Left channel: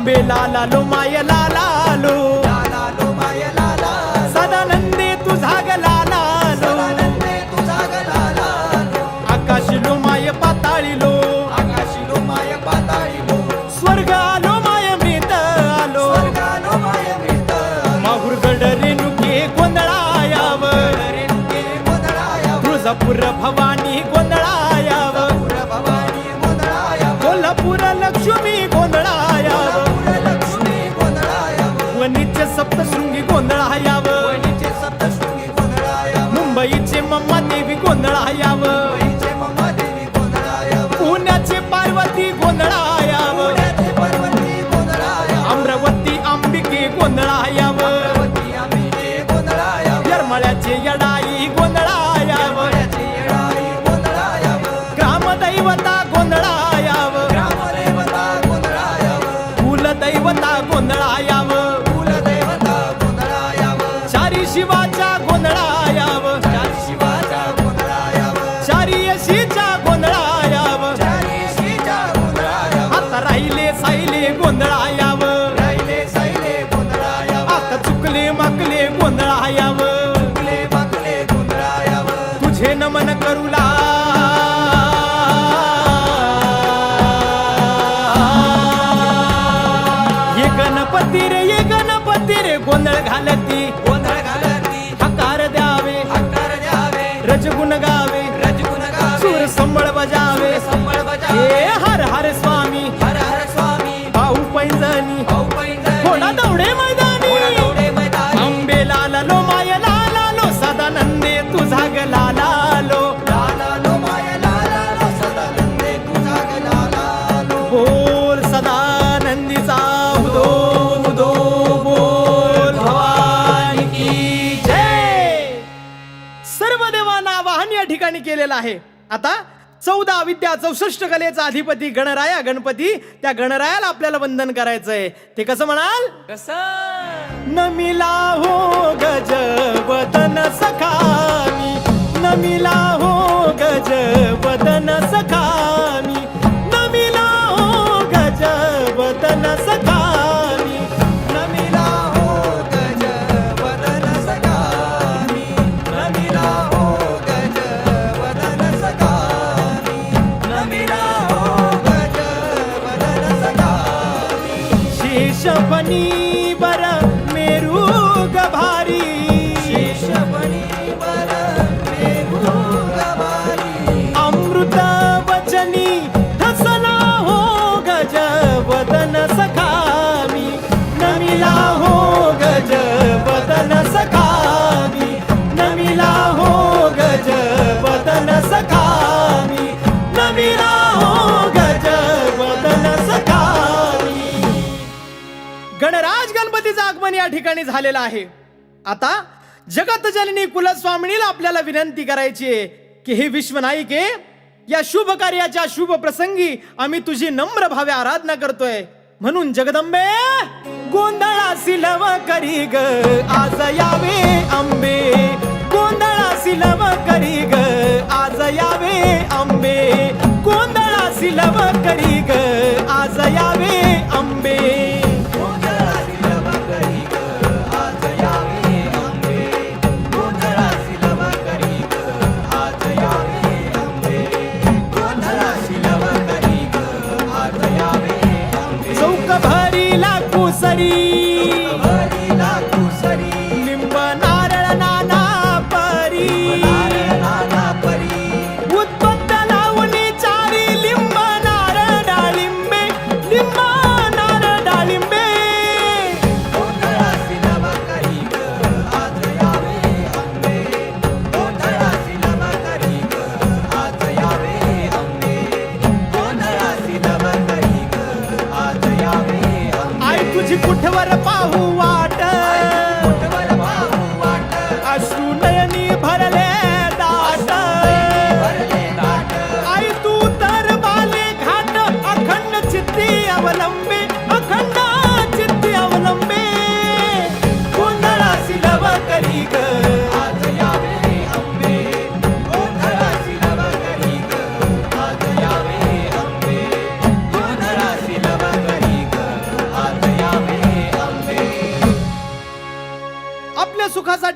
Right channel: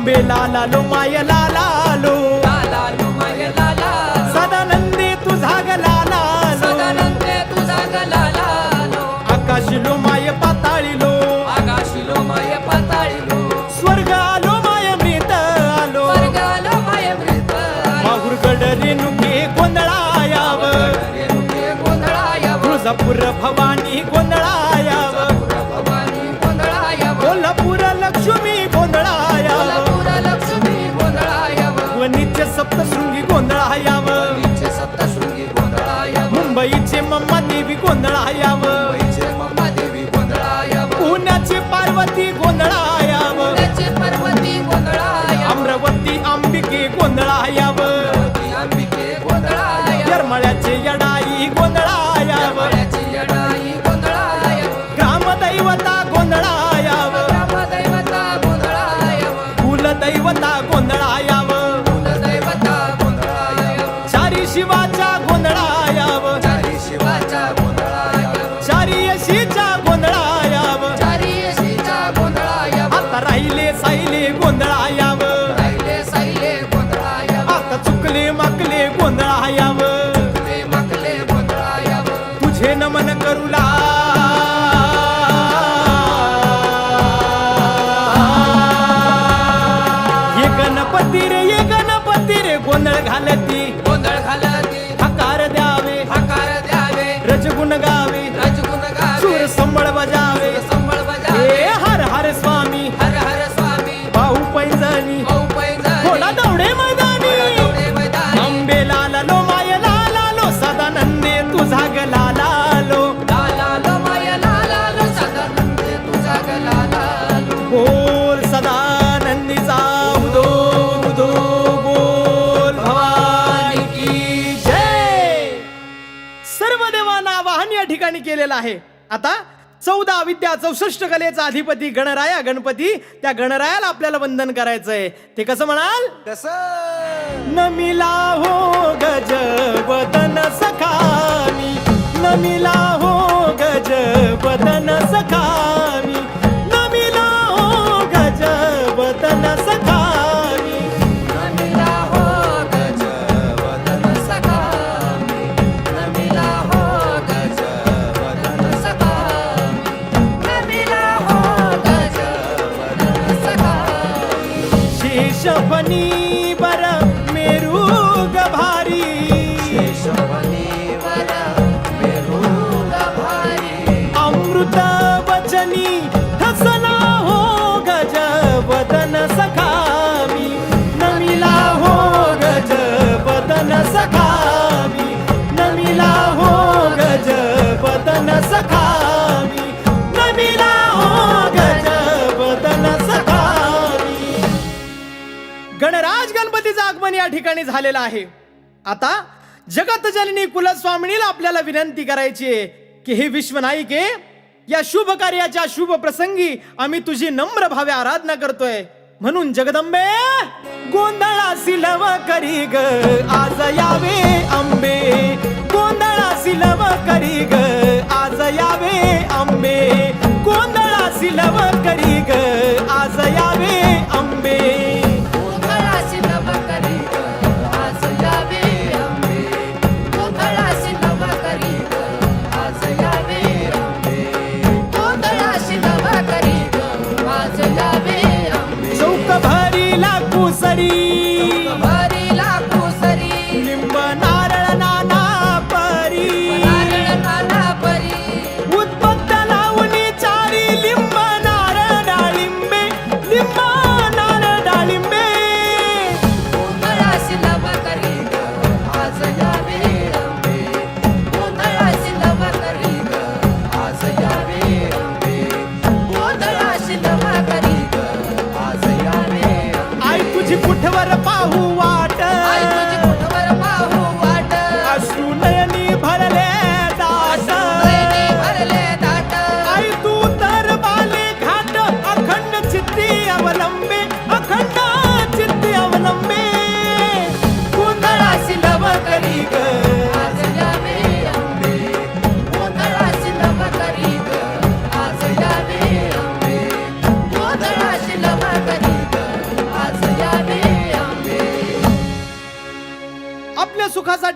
अंबे लाला low माय लाला सदानंदी तुझा ग लाला low आकाश low माय पाताळी स्वर्ग आलो माय मृत आलो माहुर रेणुके गोंधळायाव तुळजापूर भवानी गोंधळायाव कोल्हापूर लक्ष्मी गोंधळा वणीचे सप्तशृंगी गोंधळ हयाव. मुंबईचे मम्मा देवी गोंधळायाव पुण्याचे पार्वती गोंधळ हयाव. अमरावती अंबिके गोंधळायाव येरमळ्याचे यडाई गोंधळायाव ग्रामदैवता गोंधळ हयाव. कुलदैवता गोंधळ हयाव. शिवाचा गोंधळायाव चारी यशीच्या गोंधळायाव आता राहिले साहिले गोंधळायाव आता चुकले माकले गोंधळायाव तुझे नमन करूला ये गणपती रे ये गणपती रे गोंधळ घालती. हकार द्यावे. रजगुण गावे. सूर संबळ बजावे. हे हर हर स्वामी. भाऊ पैंजणी. थोडा दौडे मैदानी. आंबे लाला लो माय लाला लो सदानंदे तुझा ग लाला. या ठिकाणी केलेलं आहे. आता चौदा विद्या चौसष्ट कलेचा अधिपती गणराया गणपती त्या गणरायाला आपल्याला वंदन करायचंय. ते कसं म्हणाल? नमिला हो गज वदन सखामी. नमिला हो गज वदन सखामी. नमिला हो गज वदन सखामी. शेषफणी बर मेरू गभारी अमृत वचनी ठसला हो गज वदन सखामी. नमिला हो गज वदन सखामी. नमिला हो गज वदन सखामी गणराज गणपतीचं आगमन या ठिकाणी झालेलं आहे. आता जगत जननी कुलस्वामिनीला आपल्याला विनंती करायची आहे की हे विश्वनायिके या शुभ कार्याच्या शुभ प्रसंगी आम्ही तुझी नम्र भावे आराधना करतोय. म्हणून जगदंबे गोंधळा लव करी ग. आज यावे आंबे. गोंधळा लव करी ग. आज यावे आंबे. गोंधळा लव करी ग आज यावे करी ग. आज यावे आंबे. भरीला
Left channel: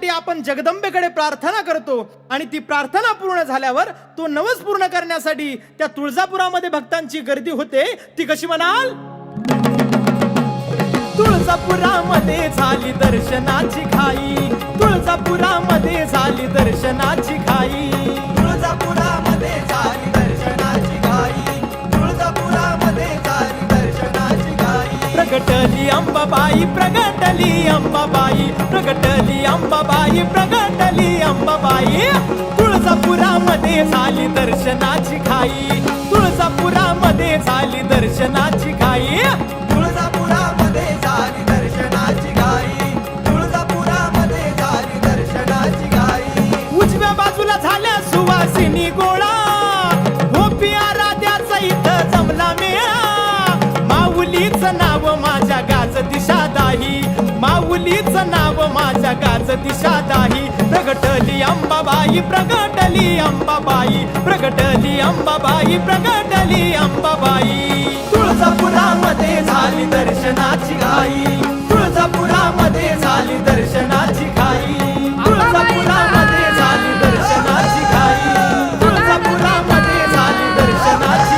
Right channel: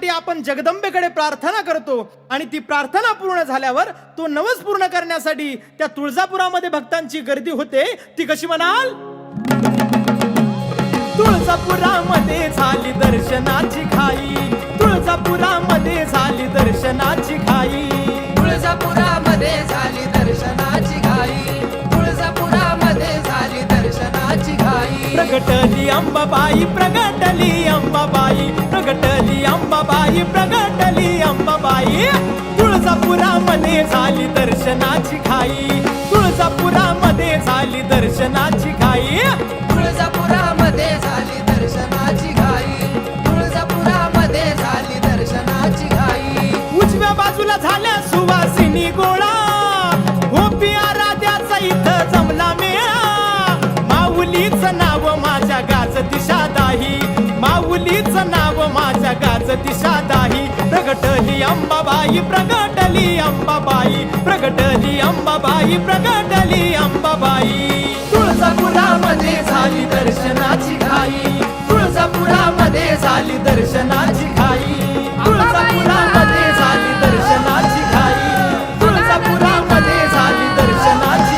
सुखासाठी आपण जगदंबेकडे प्रार्थना करतो. आणि ती प्रार्थना पूर्ण झाल्यावर तो नवस पूर्ण करण्यासाठी त्या तुळजापुरामध्ये भक्तांची गर्दी होते. ती कशी म्हणाल? तुळजापुरामध्ये झाली दर्शनाची खाई तुळजापुरामध्ये झाली दर्शनाची खाई तुळजापुरामध्ये झाली प्रगटली अंबाबाई प्रगटली अंबाबाई प्रगटली अंबाबाई प्रगटली अंबाबाई. तुळजापुरामध्ये झाली दर्शनाची खाई तुळजापुरामध्ये झाली दर्शनाची खाई तुळजापुरामध्ये झाली दर्शनाची घाई. तुळजापुरामध्ये झाली दर्शनाची घाई. उजव्या बाजूला झाल्या सुवासिनी गोळा. माऊलीच नाव माझ्या गाज दिशा दाही. माऊलीच नाव माझ्या गाज दिशा दाही. प्रगटली अंबाबाई प्रगटली अंबाबाई प्रगटली अंबाबाई प्रगटली अंबाबाई. तुळजापुरामध्ये झाली दर्शनाची घाई. तुळजापुरामध्ये झाली दर्शनाची घाई. तुळजापुरामध्ये झाली दर्शनाची घाई. तुळजापुरामध्ये झाली दर्शनाची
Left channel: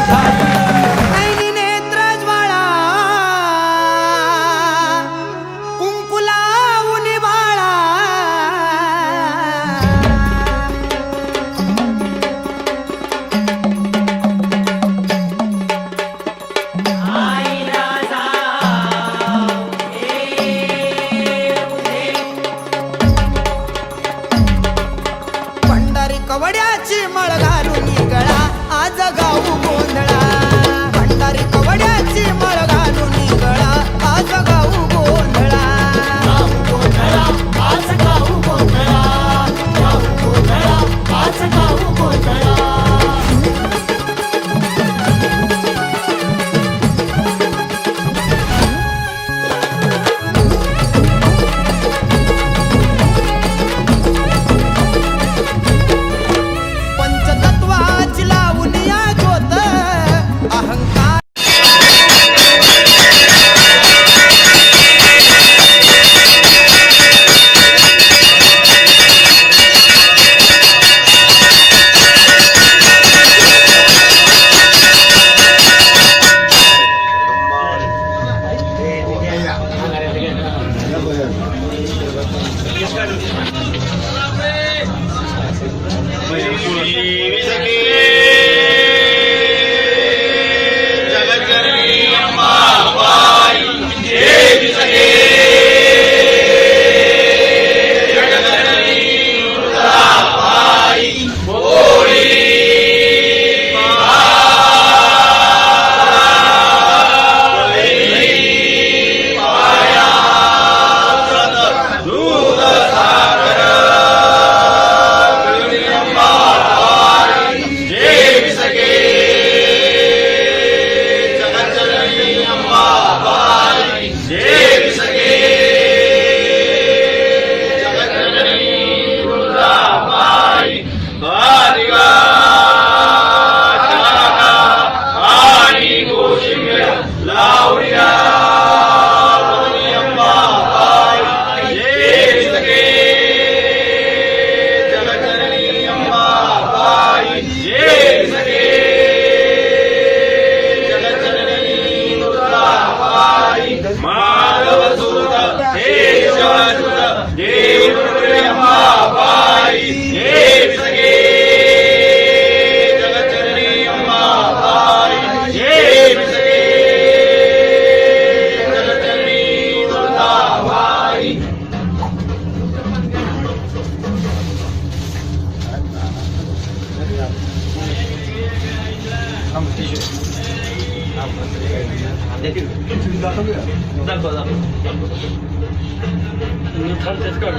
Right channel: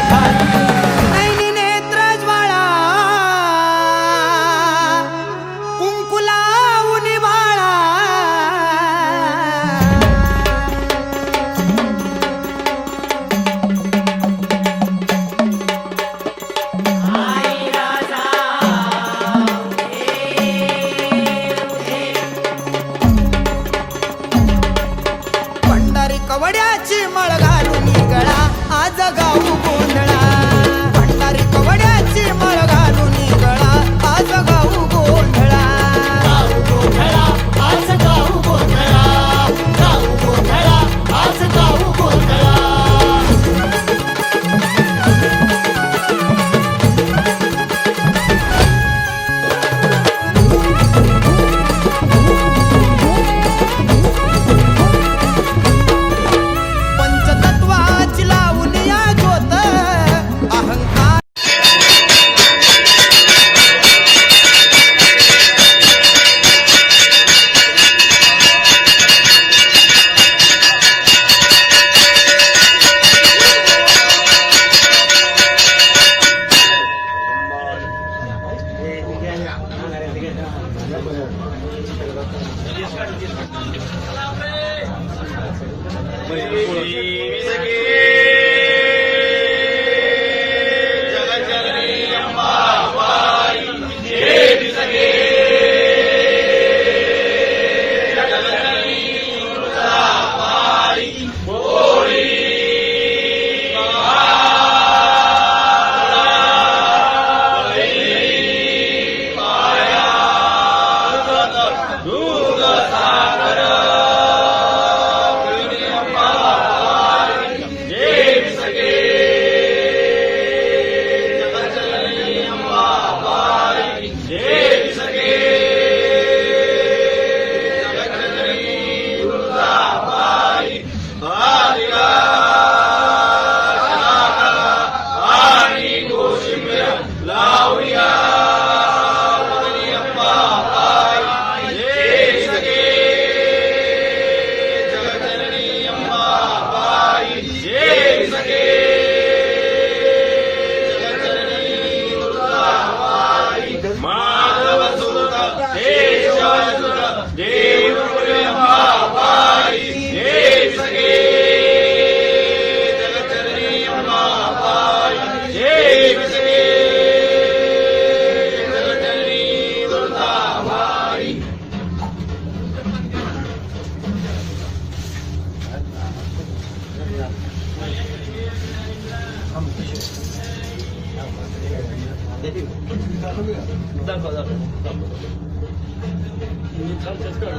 你看这个，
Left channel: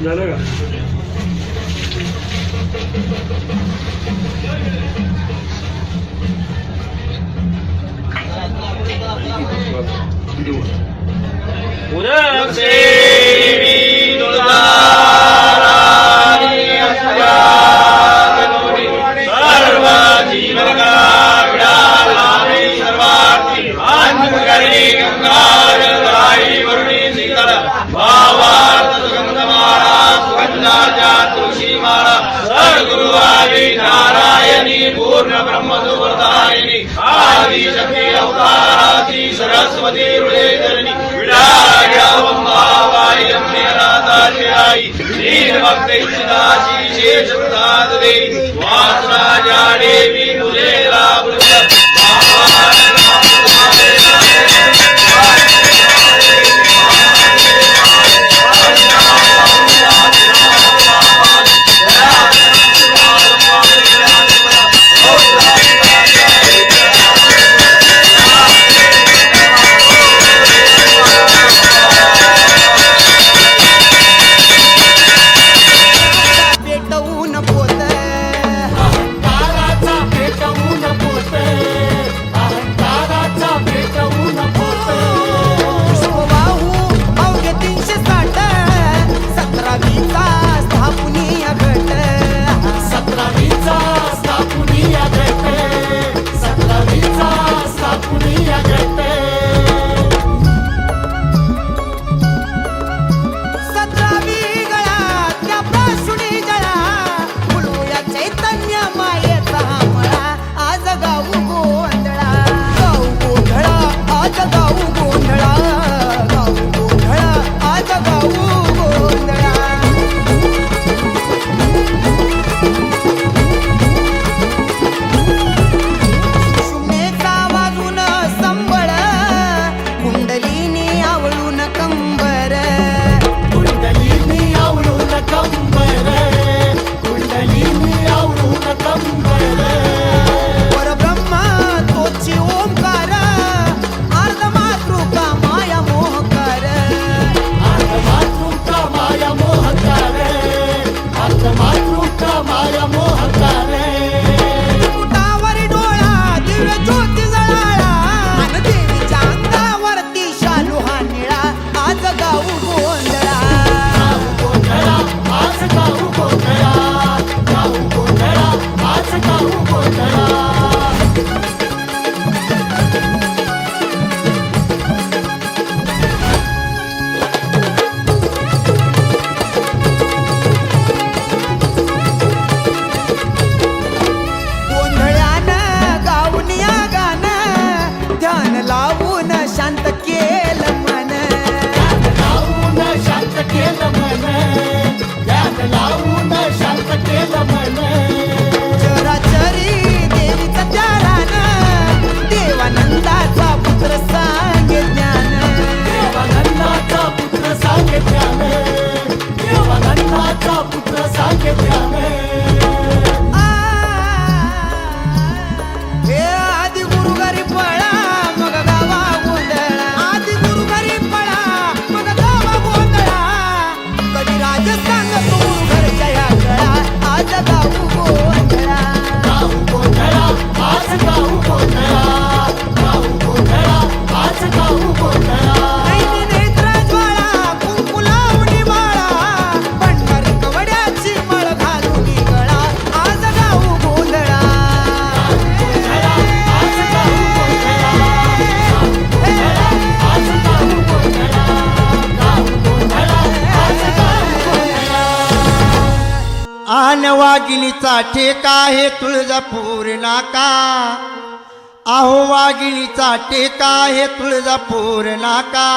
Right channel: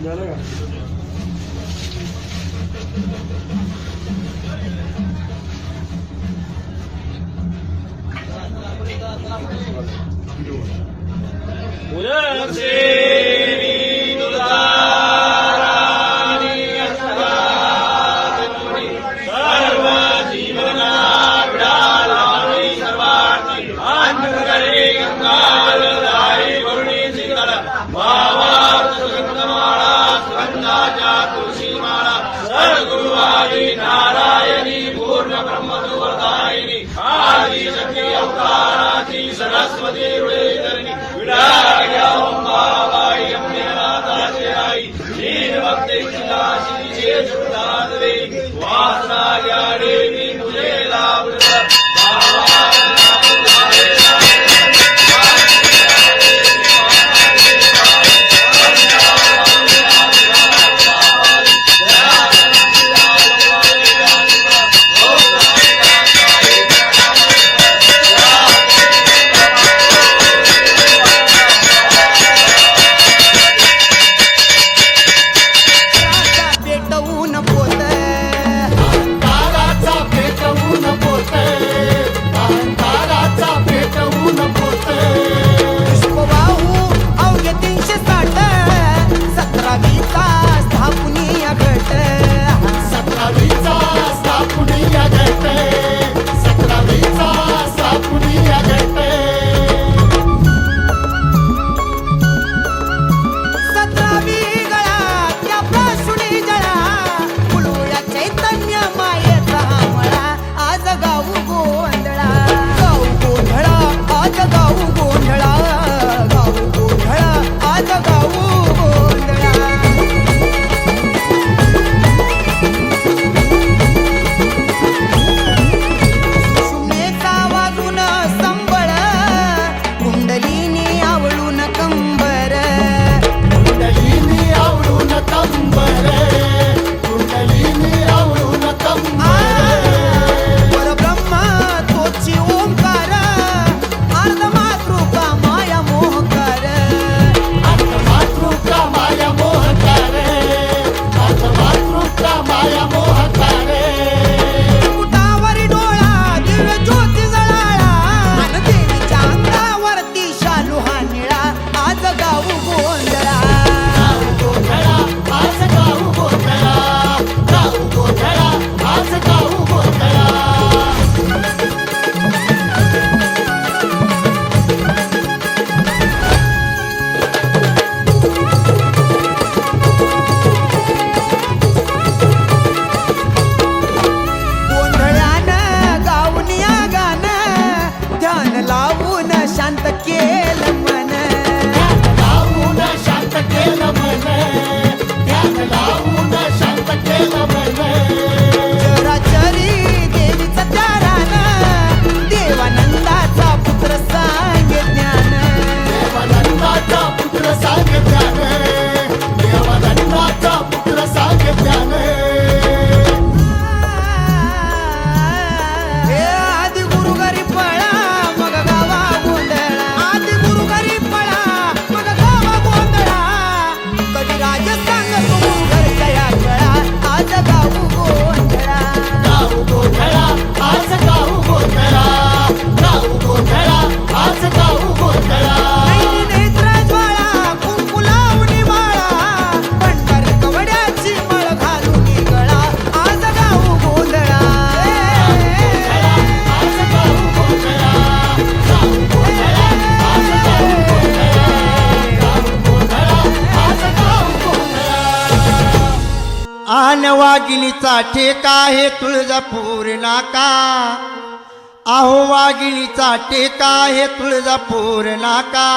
哪那个？五的，恭。ਪ੍ਰੇਸ਼ਨਾ ਸ਼ੀਸ਼ੇ ਸੁਖਦਾਦ ਦੇ ਵਾਸਨਾ ਜਾਣੇ टेका हे तुळजापूर नाका आहो वाघिणीचा टेका हे तुळजापूर नाका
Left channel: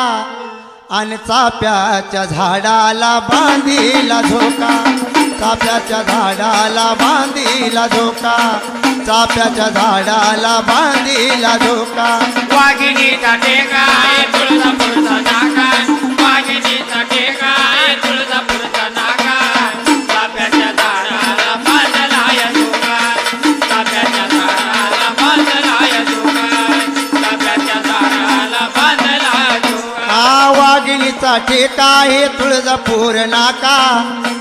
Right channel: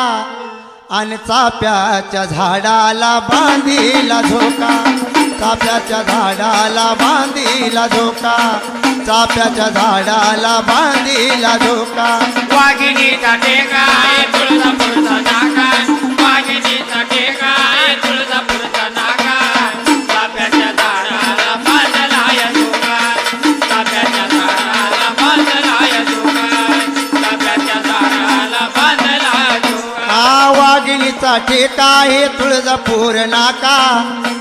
आणि चाप्याच्या झाडाला बांधीला झोका. चाप्याच्या झाडाला बांधीला झोका. चाप्याच्या झाडाला बांधीला झोका. वाघिणीचा टेका तुळजापूरचा नाका वाघिणीचा ठेका आहे तुळजापूर नाका?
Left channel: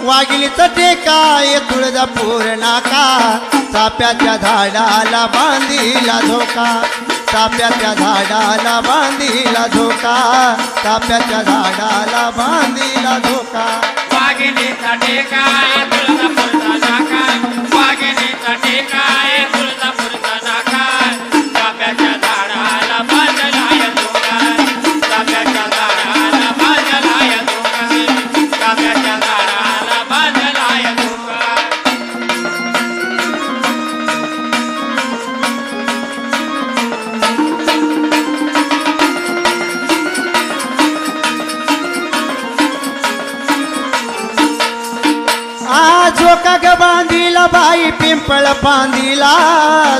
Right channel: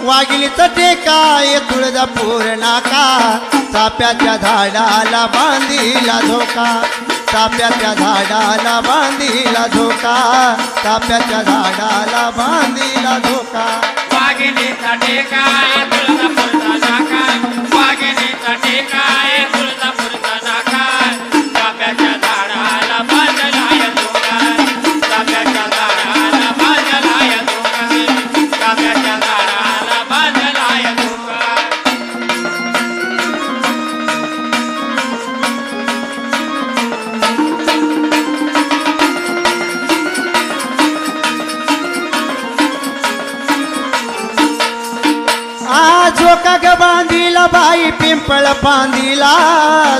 वाघिणीचा ठेका आहे तुळजापूर नाका? चाप्याच्या झाडाला बांधीला धोका. चाप्याच्या झाडाला बांधीला धोका. चाप्याच्या झाडाला बांधीला धोका. वाघिणीचा टेका तुळजापूरचा नाका? वाघिणीचा टेका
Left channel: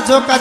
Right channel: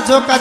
ঝোঁকা